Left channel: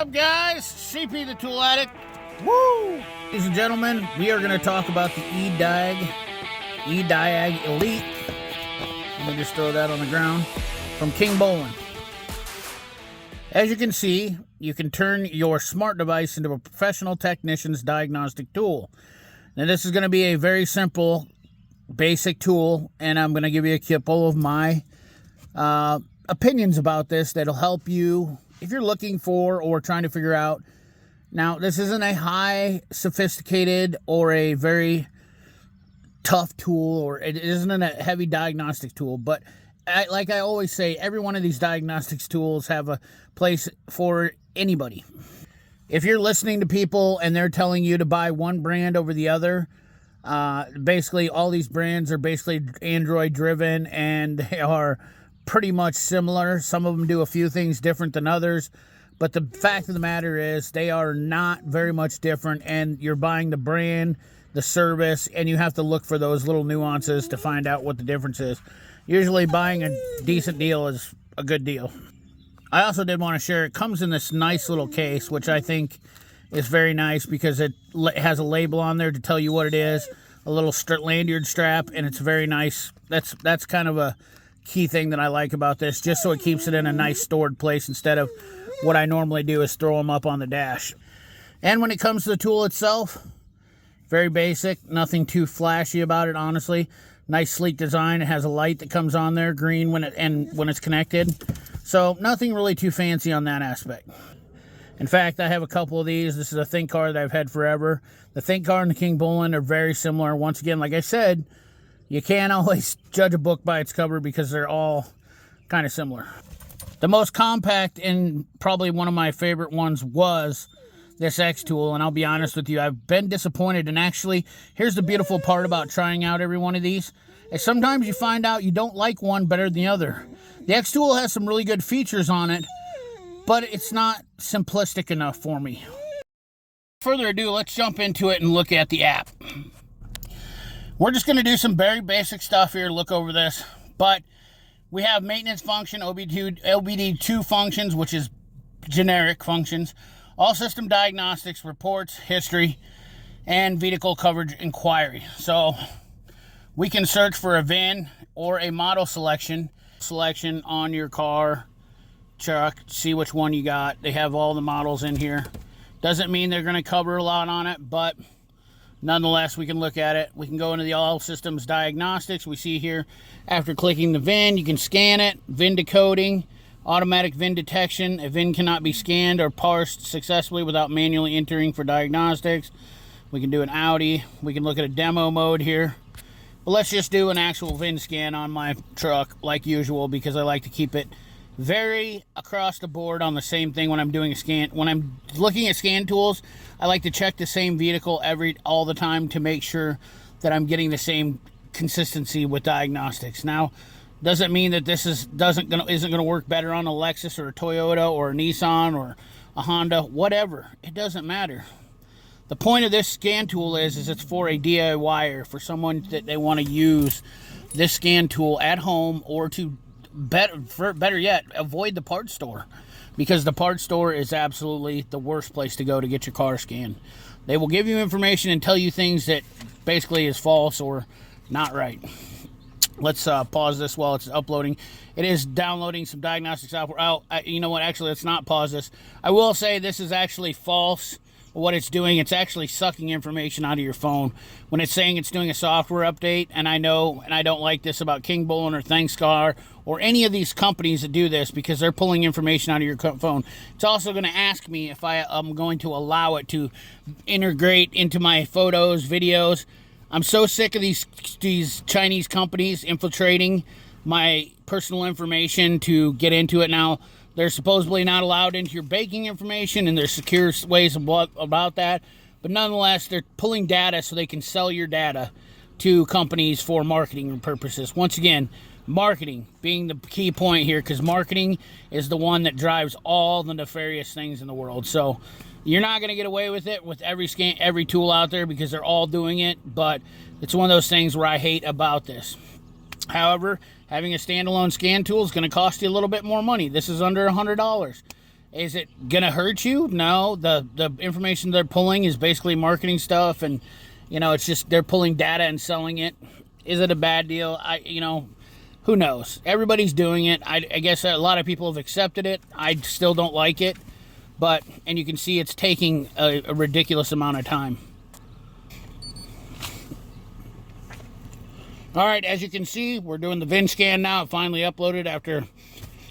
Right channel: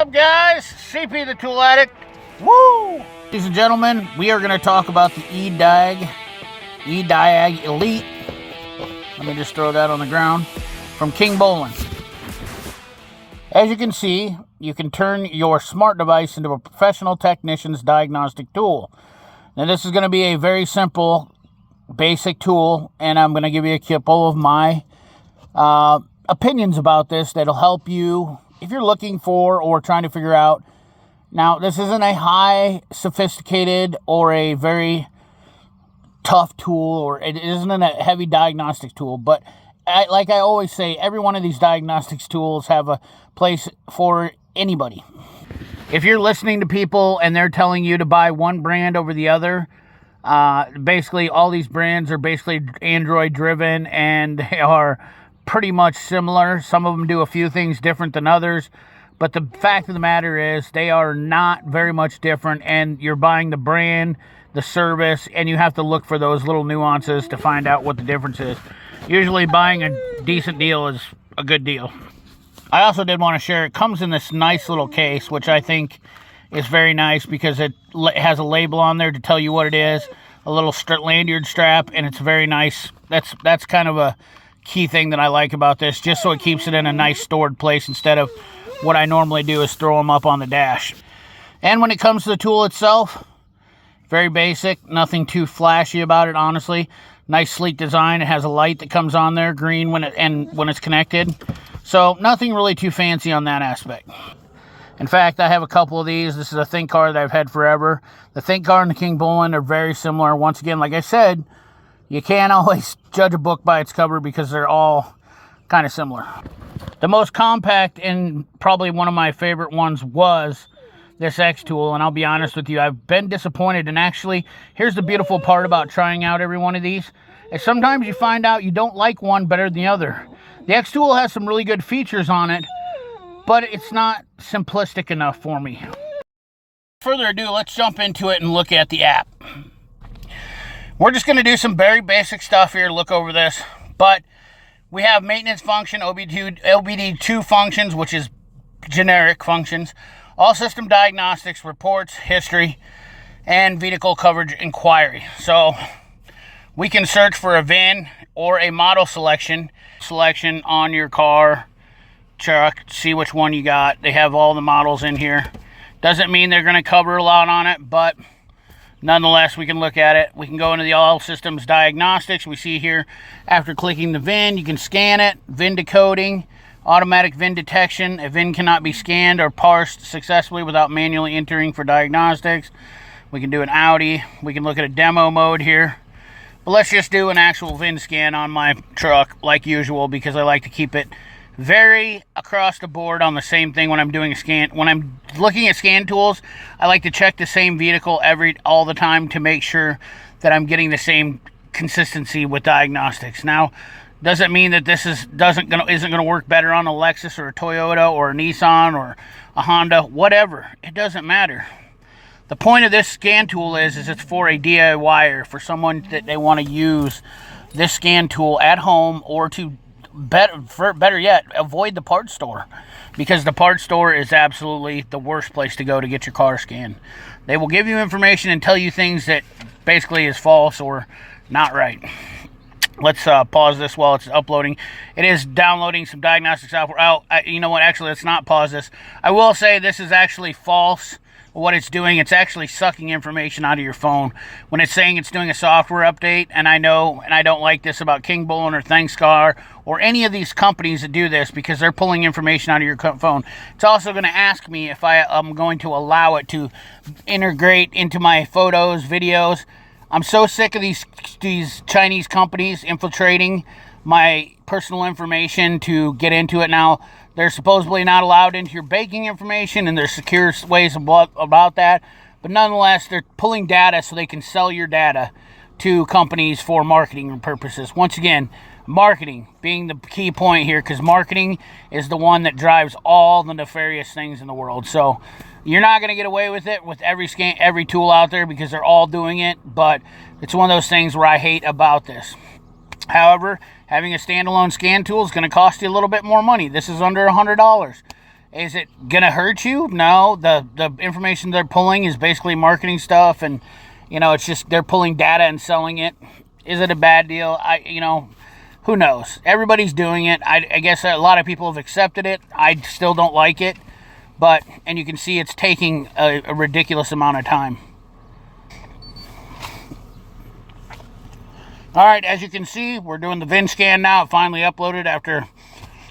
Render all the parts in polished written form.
What's up, guys? CP the Tool Addict. Woo! Ladies and gentlemen, we are going to talk about the Ediag Elite. Let me just throw that on the ground. From Kingbolen. As you can see, you can turn your smart device into a professional technician's diagnostic tool. Now, this is going to be a very simple, basic tool, and I'm going to give you a couple of my opinions about this that'll help you if you're looking for or trying to figure out. Now, this isn't a high sophisticated or a very tough tool, or it isn't a heavy diagnostic tool, but like I always say, every one of these diagnostics tools have a place for anybody. If you're listening to people and they're telling you to buy one brand over the other, basically all these brands are basically Android driven and they are pretty much similar. Some of them do a few things different than others, but the fact of the matter is they are not very much different, and you're buying the brand, the service, and you have to look for those little nuances to find out what the difference is. Usually buying a decent deal is a good deal. I also did want to share, it comes in this nice little case, which I think is very nice because it has a label on there to tell you what it is, a little lanyard strap, and it's very nice. That's kind of a key thing that I like about this, just so it keeps it in a nice stored place instead of what I normally do is throw them up on the dash. And when it comes to the tool itself, very basic, nothing too flashy about it, honestly. Nice sleek design. It has a light that comes on there, green when it's connected. So nothing really too fancy on that aspect. In fact, I have a couple of these. This is a ThinkCar that I've had forever. The ThinkCar and the Kingbolen are very similar. Once again, like I said, you can't always judge a book by its cover because they're all kind of similar. The most compact and probably one of my favorite ones was this X tool, and I'll be honest with you, I've been disappointed. And actually, here's the beautiful part about trying out every one of these, is sometimes you find out you don't like one better than the other. The X tool has some really good features on it, but it's not simplistic enough for me. Without further ado, let's jump into it and look at the app. We're just going to do some very basic stuff here to look over this, but we have maintenance function, OBD2 functions, which is generic functions, all system diagnostics, reports, history, and vehicle coverage inquiry. So we can search for a VIN or a model selection on your car, truck, see which one you got. They have all the models in here. Doesn't mean they're going to cover a lot on it, but nonetheless, we can look at it. We can go into the all systems diagnostics. We see here, after clicking the VIN, you can scan it, VIN decoding, automatic VIN detection. A VIN cannot be scanned or parsed successfully without manually entering for diagnostics. We can do an Audi. We can look at a demo mode here. But let's just do an actual VIN scan on my truck like usual, because I like to keep it very across the board on the same thing when I'm doing a scan. When I'm looking at scan tools, I like to check the same vehicle all the time to make sure that I'm getting the same consistency with diagnostics. Now, doesn't mean that this isn't gonna work better on a Lexus or a Toyota or a Nissan or a Honda, whatever. It doesn't matter. The point of this scan tool is it's for a DIYer, for someone that they want to use this scan tool at home, or to better yet, avoid the parts store, because the parts store is absolutely the worst place to go to get your car scanned. They will give you information and tell you things that basically is false or not right. Let's pause this while it's uploading. It is downloading some diagnostic software. You know what? Actually, let's not pause this. I will say this is actually false. What it's doing, it's actually sucking information out of your phone when it's saying it's doing a software update. And I know, and I don't like this about Kingbolen or ThinkCar or any of these companies that do this, because they're pulling information out of your phone. It's also going to ask me if I'm going to allow it to integrate into my photos, videos. I'm so sick of these Chinese companies infiltrating my personal information to get into it. Now, they're supposedly not allowed into your banking information, and there's secure ways about that. But nonetheless, they're pulling data so they can sell your data to companies for marketing purposes. Once again, marketing being the key point here, because marketing is the one that drives all the nefarious things in the world. So you're not going to get away with it with every tool out there, because they're all doing it. But it's one of those things where I hate about this. However, having a standalone scan tool is going to cost you a little bit more money. This is under $100. Is it gonna hurt you? No. The information they're pulling is basically marketing stuff, and it's just they're pulling data and selling it. Is it a bad deal? Who knows? Everybody's doing it. I guess a lot of people have accepted it. I still don't like it, and you can see it's taking a ridiculous amount of time. All right, as you can see, we're doing the VIN scan now. It finally uploaded after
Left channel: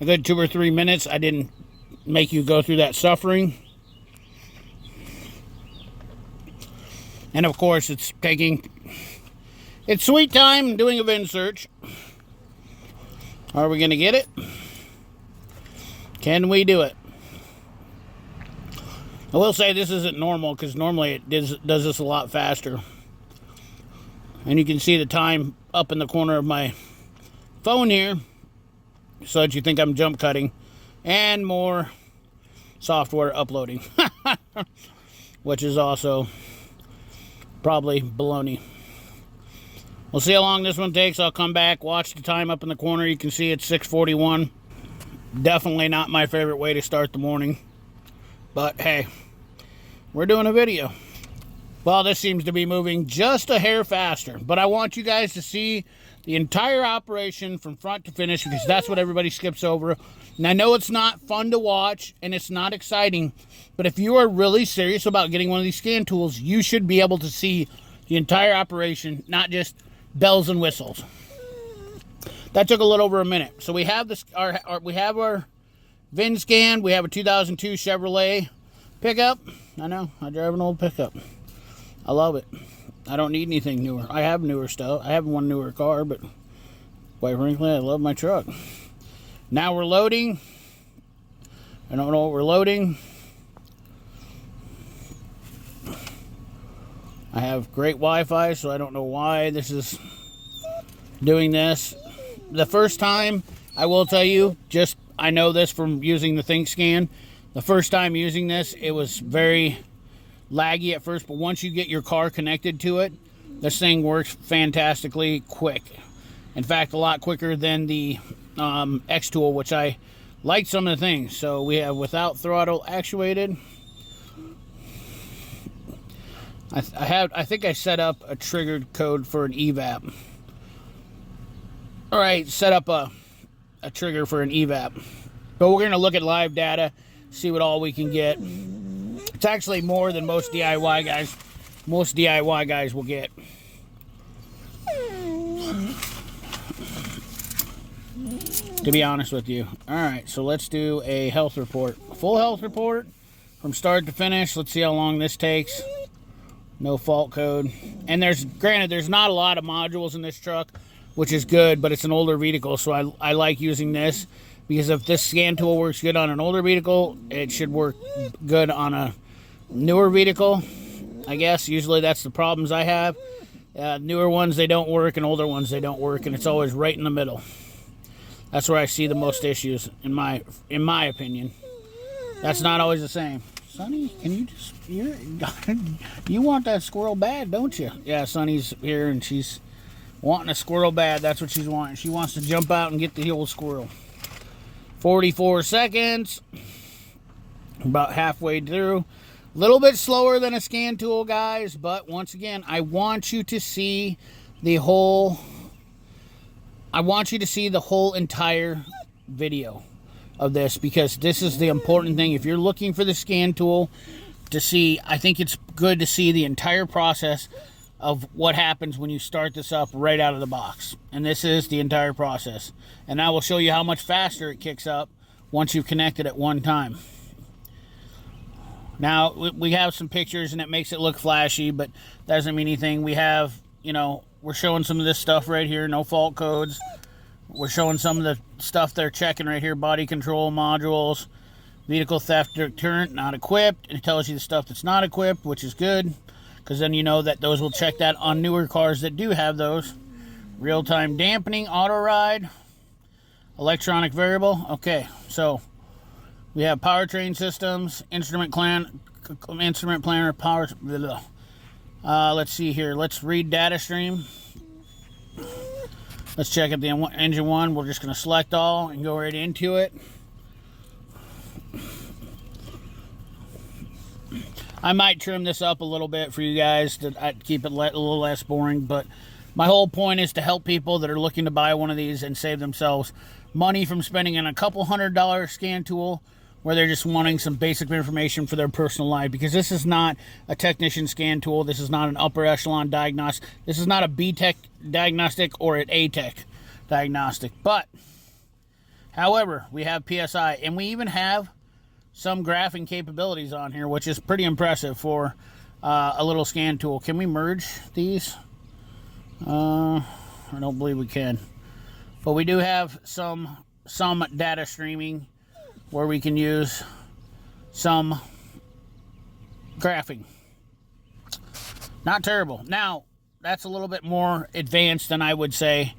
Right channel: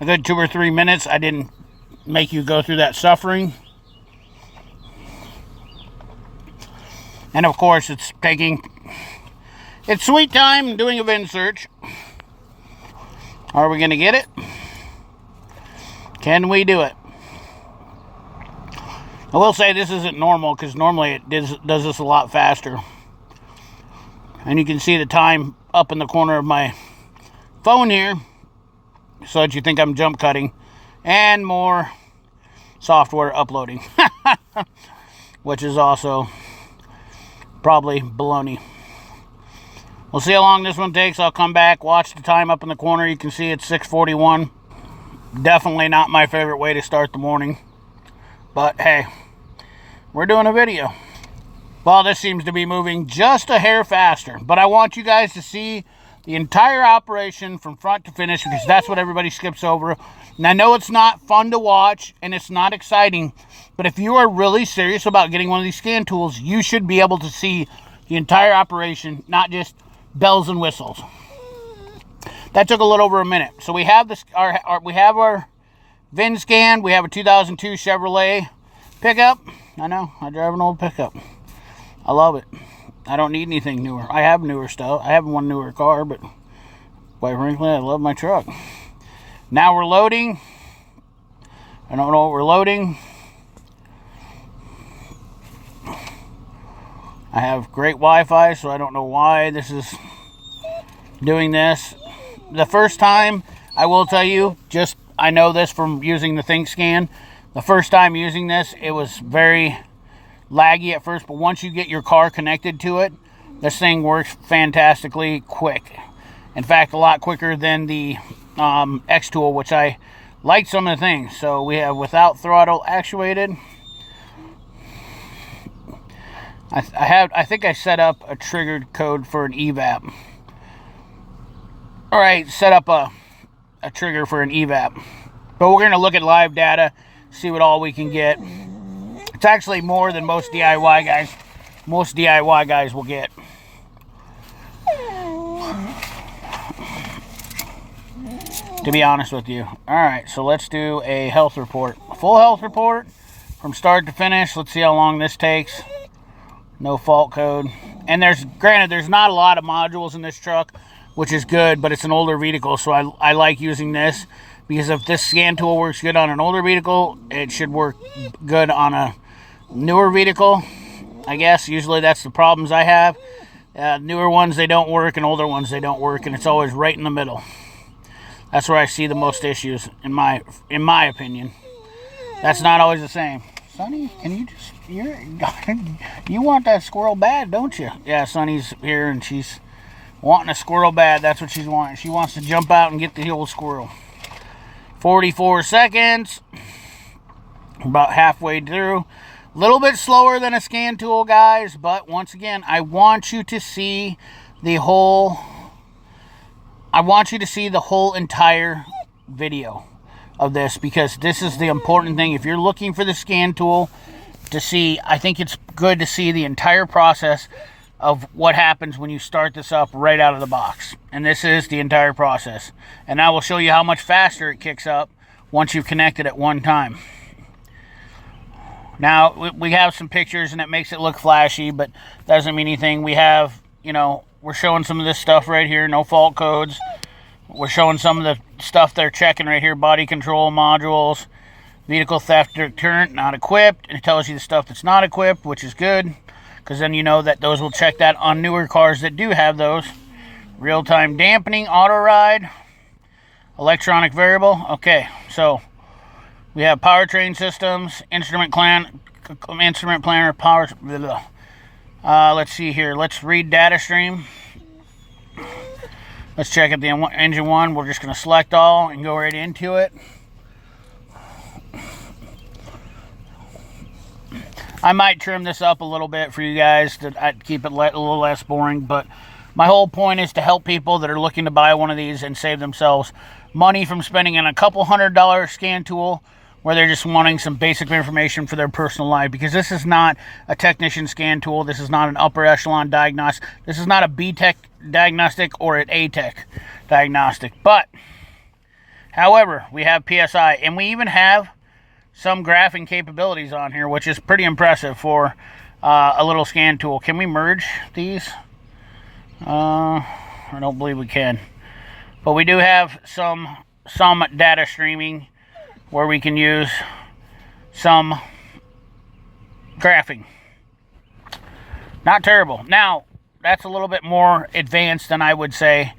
a good 2 or 3 minutes. I didn't make you go through that suffering. And of course, it's sweet time doing a VIN search. Are we going to get it? Can we do it? I will say this isn't normal, because normally it does this a lot faster. And you can see the time up in the corner of my phone here, so that you think I'm jump cutting, and more software uploading, which is also probably baloney. We'll see how long this one takes. I'll come back, watch the time up in the corner. You can see it's 6:41. Definitely not my favorite way to start the morning, but hey, we're doing a video. Well, this seems to be moving just a hair faster, but I want you guys to see the entire operation from front to finish, because that's what everybody skips over. And I know it's not fun to watch and it's not exciting, but if you are really serious about getting one of these scan tools, you should be able to see the entire operation, not just bells and whistles. That took a little over a minute. So we have this, we have our VIN scan. We have a 2002 Chevrolet pickup. I know, I drive an old pickup. I love it. I don't need anything newer. I have newer stuff. I have one newer car, but quite frankly, I love my truck. Now we're loading. I don't know what we're loading. I have great Wi-Fi, so I don't know why this is doing this. The first time, I will tell you, I know this from using the ThinkScan. The first time using this, it was very laggy at first, but once you get your car connected to it, this thing works fantastically quick. In fact, a lot quicker than the X tool, which I like some of the things. So we have without throttle actuated. I think I set up a triggered code for an evap. All right, set up a trigger for an evap. But we're going to look at live data, see what all we can get. It's actually more than most DIY guys. Most DIY guys will get. To be honest with you. All right, so let's do a health report. A full health report from start to finish. Let's see how long this takes. No fault code. And granted, there's not a lot of modules in this truck, which is good, but it's an older vehicle, so I like using this, because if this scan tool works good on an older vehicle, it should work good on a newer vehicle. I guess usually that's the problems I have. Newer ones, they don't work, and older ones, they don't work, and it's always right in the middle. That's where I see the most issues, in my opinion. That's not always the same. Sonny, can you just, you want that squirrel bad, don't you? Yeah, Sonny's here, and she's wanting a squirrel bad. That's what she's wanting. She wants to jump out and get the old squirrel. 44 seconds. About halfway through. A little bit slower than a scan tool, guys, but once again, I want you to see the whole entire video of this, because this is the important thing. If you're looking for the scan tool to see, I think it's good to see the entire process of what happens when you start this up right out of the box. And this is the entire process. And I will show you how much faster it kicks up once you've connected at one time. Now, we have some pictures and it makes it look flashy, but doesn't mean anything. We have, we're showing some of this stuff right here, no fault codes. We're showing some of the stuff they're checking right here, body control modules, vehicle theft deterrent, not equipped. And it tells you the stuff that's not equipped, which is good, because then you know that those will check that on newer cars that do have those. Real-time dampening, auto ride, electronic variable. Okay, so we have powertrain systems, instrument planner, power. Let's see here. Let's read data stream. Let's check at the engine one. We're just going to select all and go right into it. I might trim this up a little bit for you guys to keep it a little less boring, but my whole point is to help people that are looking to buy one of these and save themselves money from spending on a couple $100 scan tool where they're just wanting some basic information for their personal life, because this is not a technician scan tool. This is not an upper echelon diagnostic. This is not a B-Tech diagnostic or an A-Tech diagnostic. But, however, we have PSI, and we even have some graphing capabilities on here, which is pretty impressive for a little scan tool. Can we merge these? I don't believe we can. But we do have some data streaming where we can use some graphing. Not terrible. Now, that's a little bit more advanced than I would say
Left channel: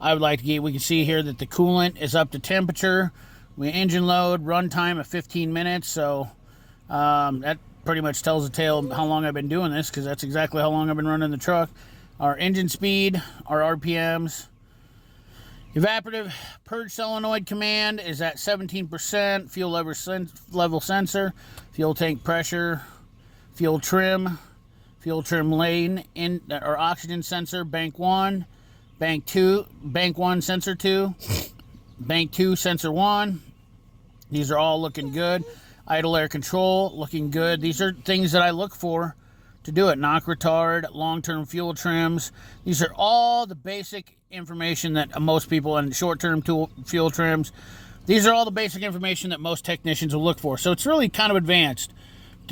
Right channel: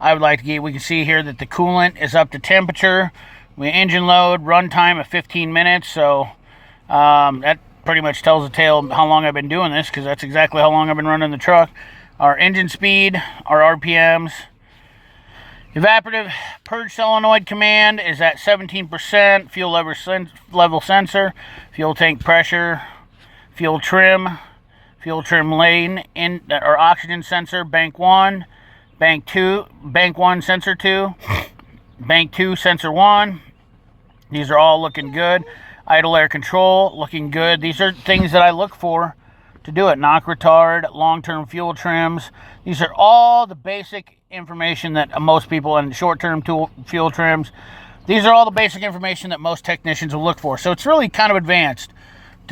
I would like to get. We can see here that the coolant is up to temperature. We engine load, runtime of 15 minutes. So that pretty much tells the tale of how long I've been doing this, because that's exactly how long I've been running the truck. Our engine speed, our RPMs. Evaporative purge solenoid command is at 17%. Fuel level sensor, fuel tank pressure, fuel trim lane, or oxygen sensor, bank 1, bank 2, bank 1, sensor 2, bank 2, sensor 1. These are all looking good. Idle air control, looking good. These are things that I look for to do it. Knock retard, long-term fuel trims. These are all the basic information that most people, in short-term fuel trims, these are all the basic information that most technicians will look for. So it's really kind of advanced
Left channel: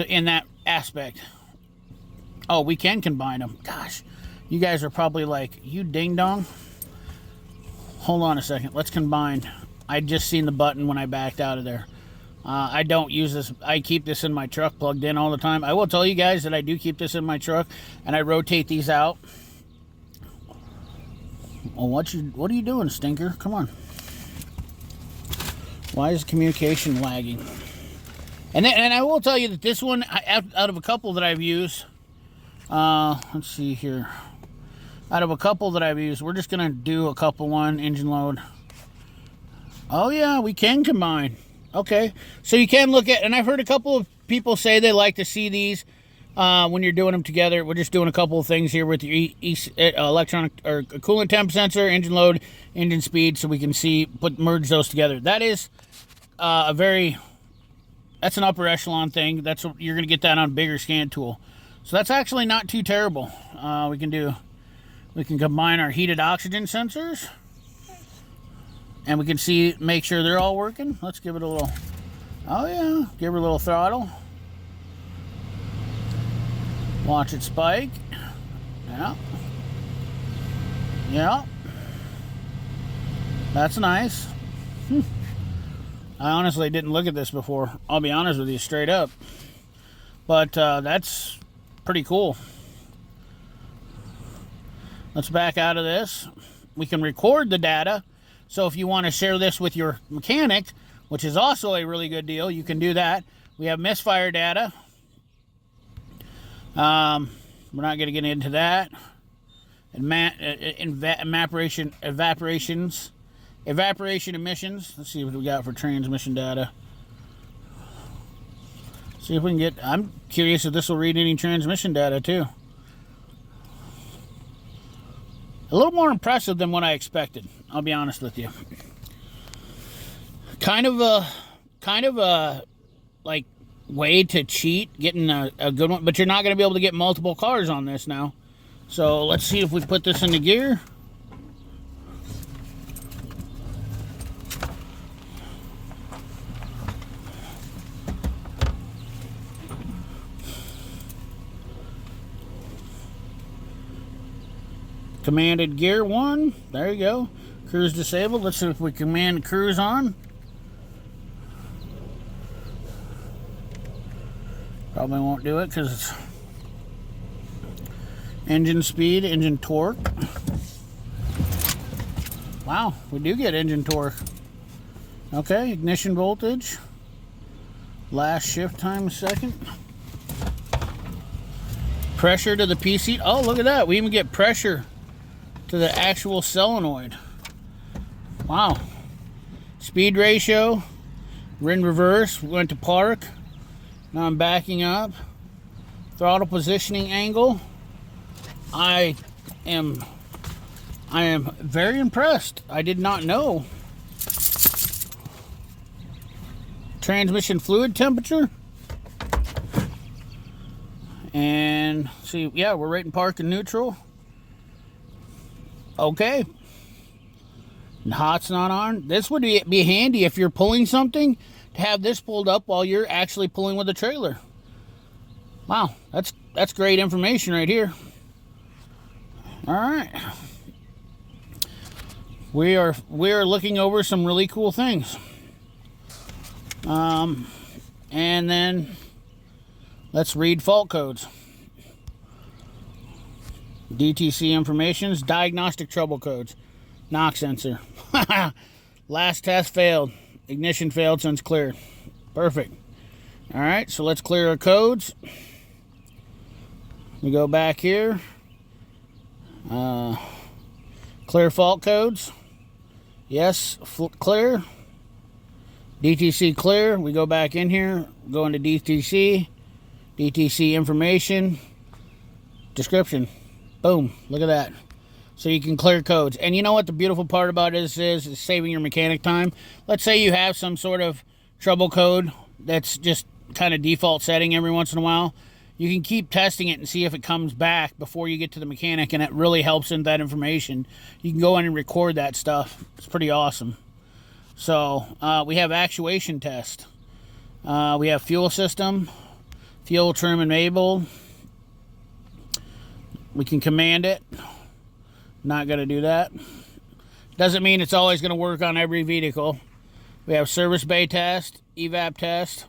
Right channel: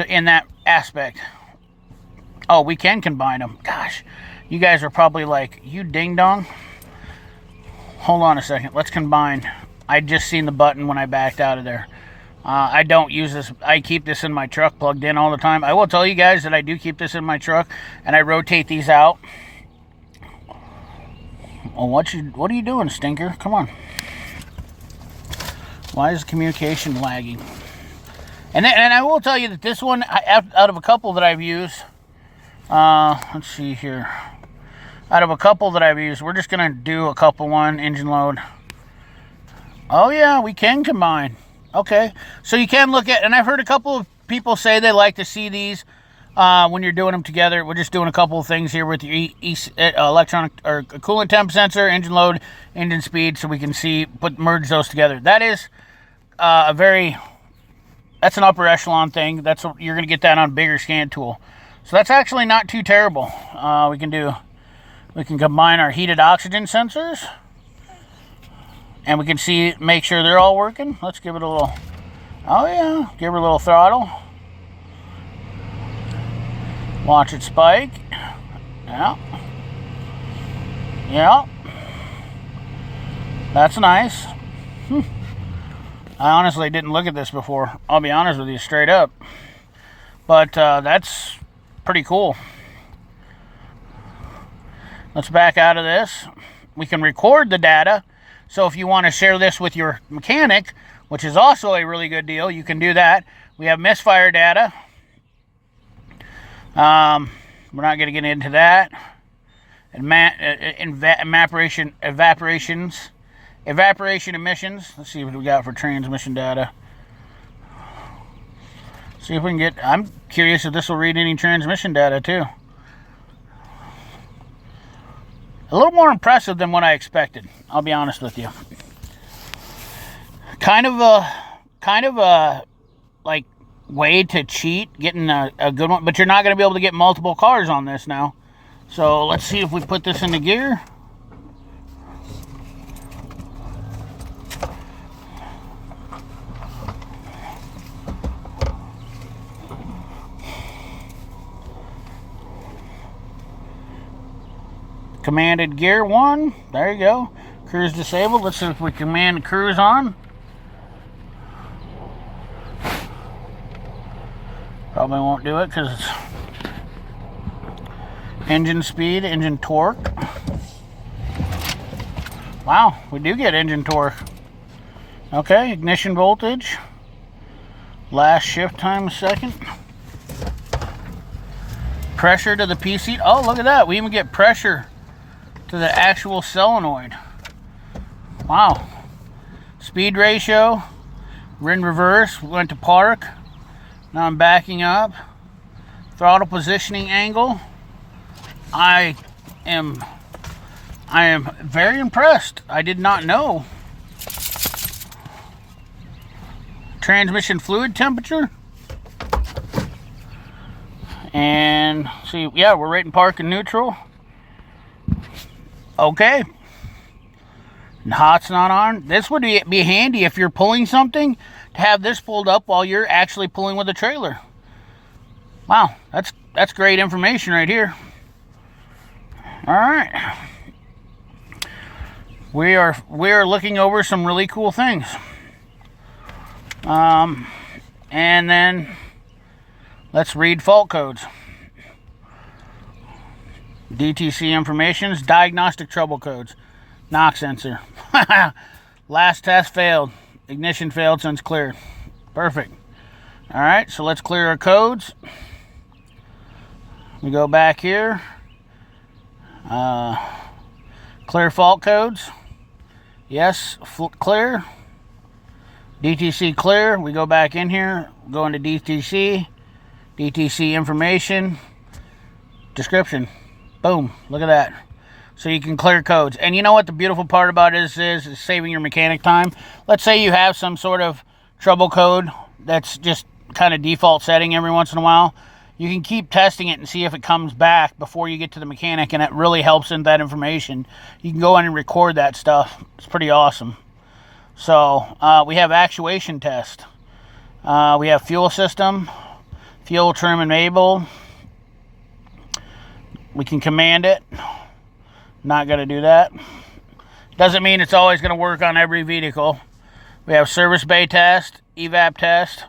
in that aspect. Oh, we can combine them. Gosh, you guys are probably like, you ding-dong. Hold on a second. Let's combine. I just seen the button when I backed out of there. I don't use this. I keep this in my truck plugged in all the time. I will tell you guys that I do keep this in my truck, and I rotate these out. Well, what are you doing, stinker? Come on. Why is communication lagging? And I will tell you that this one, out of a couple that I've used, let's see here. Out of a couple that I've used, we're just gonna do a couple. One engine load. Oh yeah, we can combine. Okay, so you can look at, and I've heard a couple of people say they like to see these when you're doing them together. We're just doing a couple of things here with your electronic or coolant temp sensor, engine load, engine speed, so we can see, merge those together. That is that's an upper echelon thing. You're going to get that on a bigger scan tool. So that's actually not too terrible. We can combine our heated oxygen sensors, and we can make sure they're all working. Let's give it a little, oh yeah, give her a little throttle. Watch it spike. Yeah. Yeah. That's nice. I honestly didn't look at this before. I'll be honest with you, straight up. But that's pretty cool. Let's back out of this. We can record the data. So if you want to share this with your mechanic, which is also a really good deal, you can do that. We have misfire data. We're not going to get into that. And evaporation emissions. Let's see what we got for transmission data. See if we can get, I'm curious if this will read any transmission data too. A little more impressive than what I expected, I'll be honest with you. Kind of a like way to cheat, getting a good one, but you're not going to be able to get multiple cars on this now. So let's see if we put this into gear. Commanded gear 1. There you go. Cruise disabled. Let's see if we command cruise on. Probably won't do it because it's engine speed, engine torque. Wow, we do get engine torque. Okay, ignition voltage. Last shift time, a second. Pressure to the PC. Oh, look at that. We even get pressure to the actual solenoid. Wow. Speed ratio. We're in reverse. We went to park. Now I'm backing up. Throttle positioning angle. I am very impressed. I did not know. Transmission fluid temperature. And see, yeah, we're right in park and neutral. Okay. And hot's not on. This would be handy if you're pulling something, to have this pulled up while you're actually pulling with the trailer. Wow, that's great information right here. All right. We are looking over some really cool things. And then let's read fault codes. DTC informations, diagnostic trouble codes, knock sensor. Last test failed. Ignition failed since cleared. Perfect. All right, so let's clear our codes. We go back here. Clear fault codes. Yes, clear. DTC clear. We go back in here, go into DTC. DTC information. Description. Boom. Look at that. So you can clear codes. And you know what the beautiful part about this is saving your mechanic time. Let's say you have some sort of trouble code that's just kind of default setting every once in a while. You can keep testing it and see if it comes back before you get to the mechanic, and it really helps in that information. You can go in and record that stuff. It's pretty awesome. So we have actuation test. We have fuel system, fuel trim enable. We can command it. Not going to do that. Doesn't mean it's always going to work on every vehicle. We have service bay test, evap test.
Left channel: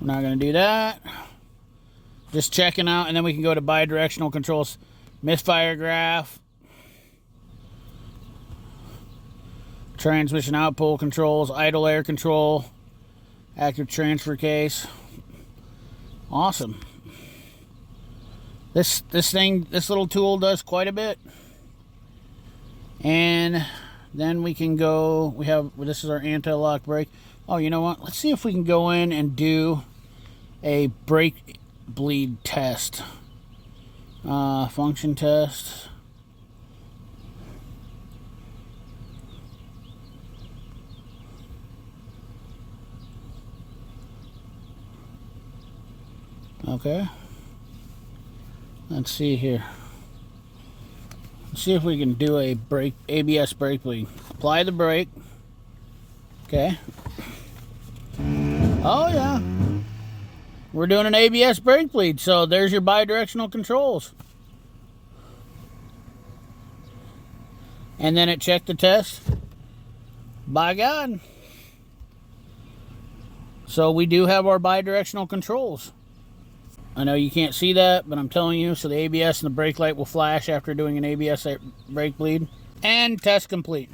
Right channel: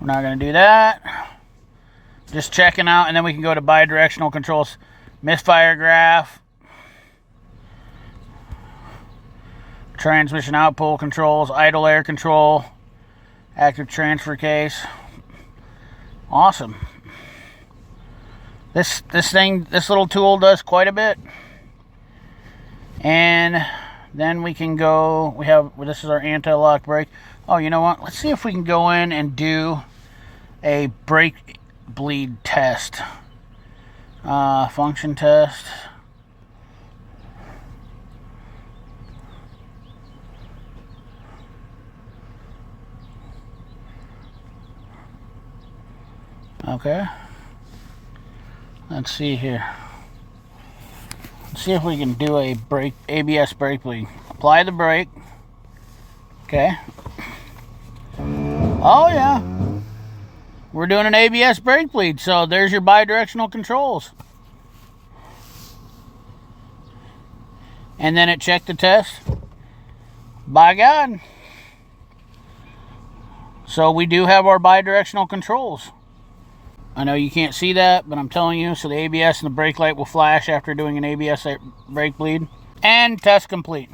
We're not going to do that. Just checking out, and then we can go to bidirectional controls. Misfire graph. Transmission outpull controls, idle air control, active transfer case. Awesome. This little tool does quite a bit. And then we can go, this is our anti-lock brake. Oh, you know what? Let's see if we can go in and do a brake bleed test. Function test. Okay. Let's see here. Let's see if we can do a ABS brake bleed. Apply the brake. Okay. Oh yeah. We're doing an ABS brake bleed, so there's your bidirectional controls. And then it checked the test. By God. So we do have our bidirectional controls. I know you can't see that, but I'm telling you, so the ABS and the brake light will flash after doing an ABS brake bleed. And test complete.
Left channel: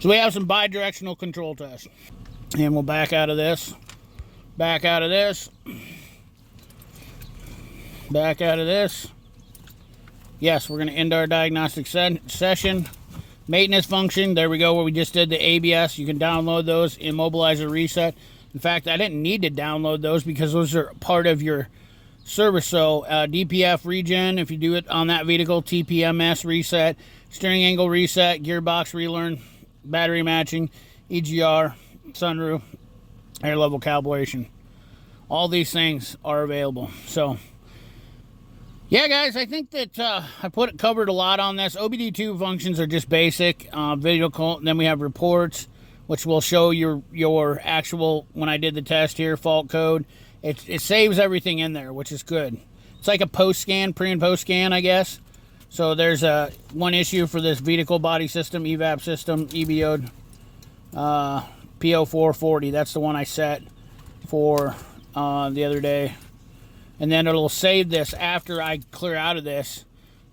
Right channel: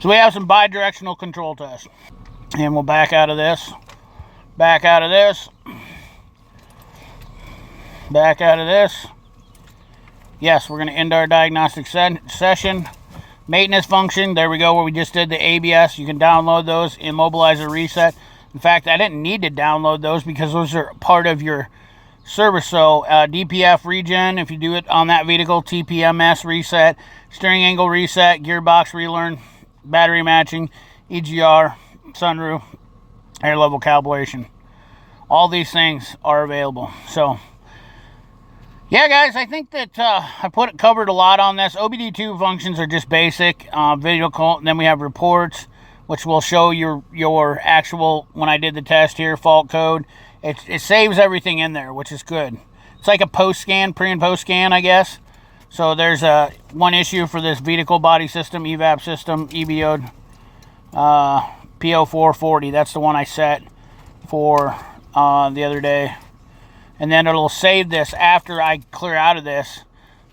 So we have some bidirectional control tests. And we'll back out of this. Back out of this. Back out of this. Yes, we're going to end our diagnostic session. Maintenance function, there we go, where we just did the ABS. You can download those, immobilizer reset. In fact, I didn't need to download those because those are part of your service. So DPF regen, if you do it on that vehicle, TPMS reset, steering angle reset, gearbox relearn, battery matching, EGR, sunroof, air level calibration. All these things are available. So yeah, guys, I think that I covered a lot on this. OBD2 functions are just basic video call, and then we have reports, which will show your actual, when I did the test here, fault code. It saves everything in there, which is good. It's like a post scan, pre and post scan, I guess. So there's one issue for this vehicle body system, evap system, EBO, PO440. That's the one I set for the other day. And then it'll save this after I clear out of this.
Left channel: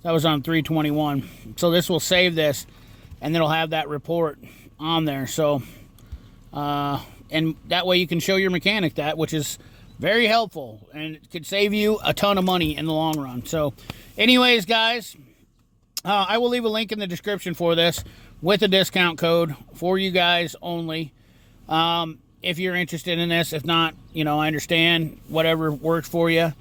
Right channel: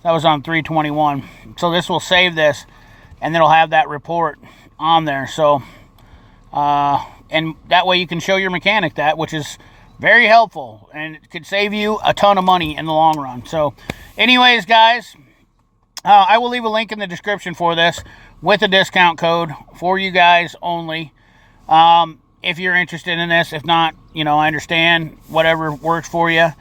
That was on 321. So this will save this, and then it'll have that report on there. So and that way you can show your mechanic that, which is very helpful, and it could save you a ton of money in the long run. So anyways, guys, I will leave a link in the description for this with a discount code for you guys only. If you're interested in this. If not, you know, I understand. Whatever works for you.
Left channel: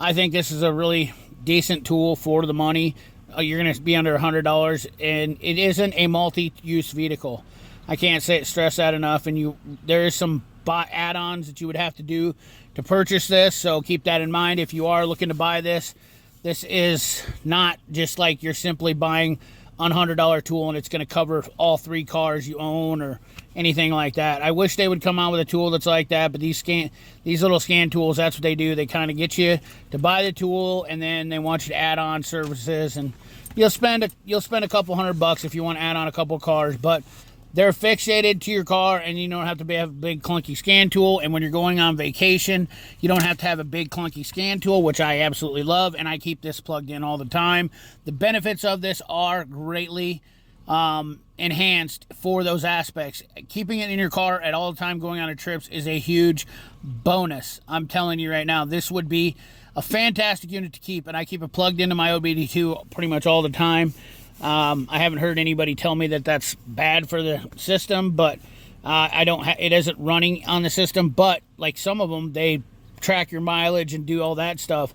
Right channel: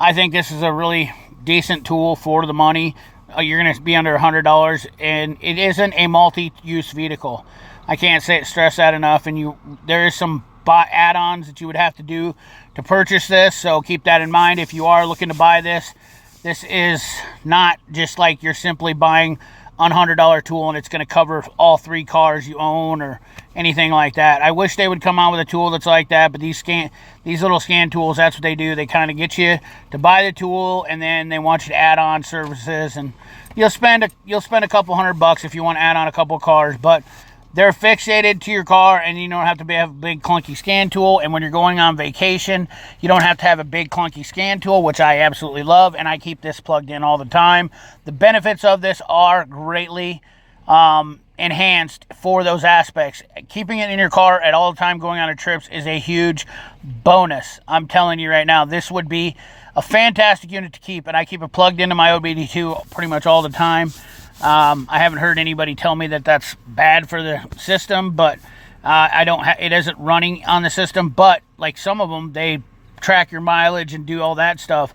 I think this is a really decent tool for the money. You're going to be under $100, and it isn't a multi-use vehicle. I can't stress that enough. And there is some add-ons that you would have to do to purchase this, so keep that in mind if you are looking to buy this. This is not just like you're simply buying a $100 tool and it's going to cover all 3 cars you own or anything like that. I wish they would come out with a tool that's like that, but these little scan tools, that's what they do. They kind of get you to buy the tool, and then they want you to add on services, and you'll spend a couple $100 if you want to add on a couple cars, but they're fixated to your car, and you don't have to have a big clunky scan tool. And when you're going on vacation, you don't have to have a big clunky scan tool, which I absolutely love, and I keep this plugged in all the time. The benefits of this are greatly enhanced for those aspects. Keeping it in your car at all the time going on trips is a huge bonus. I'm telling you right now, this would be a fantastic unit to keep, and I keep it plugged into my OBD2 pretty much all the time. I haven't heard anybody tell me that that's bad for the system, but it isn't running on the system. But like some of them, they track your mileage and do all that stuff.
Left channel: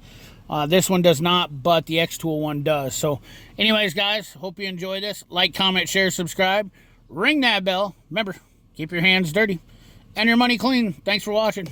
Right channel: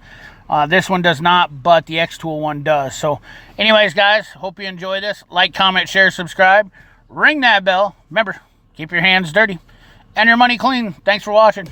This one does not, but the X-Tool one does. So anyways, guys, hope you enjoy this. Like, comment, share, subscribe. Ring that bell. Remember, keep your hands dirty and your money clean. Thanks for watching.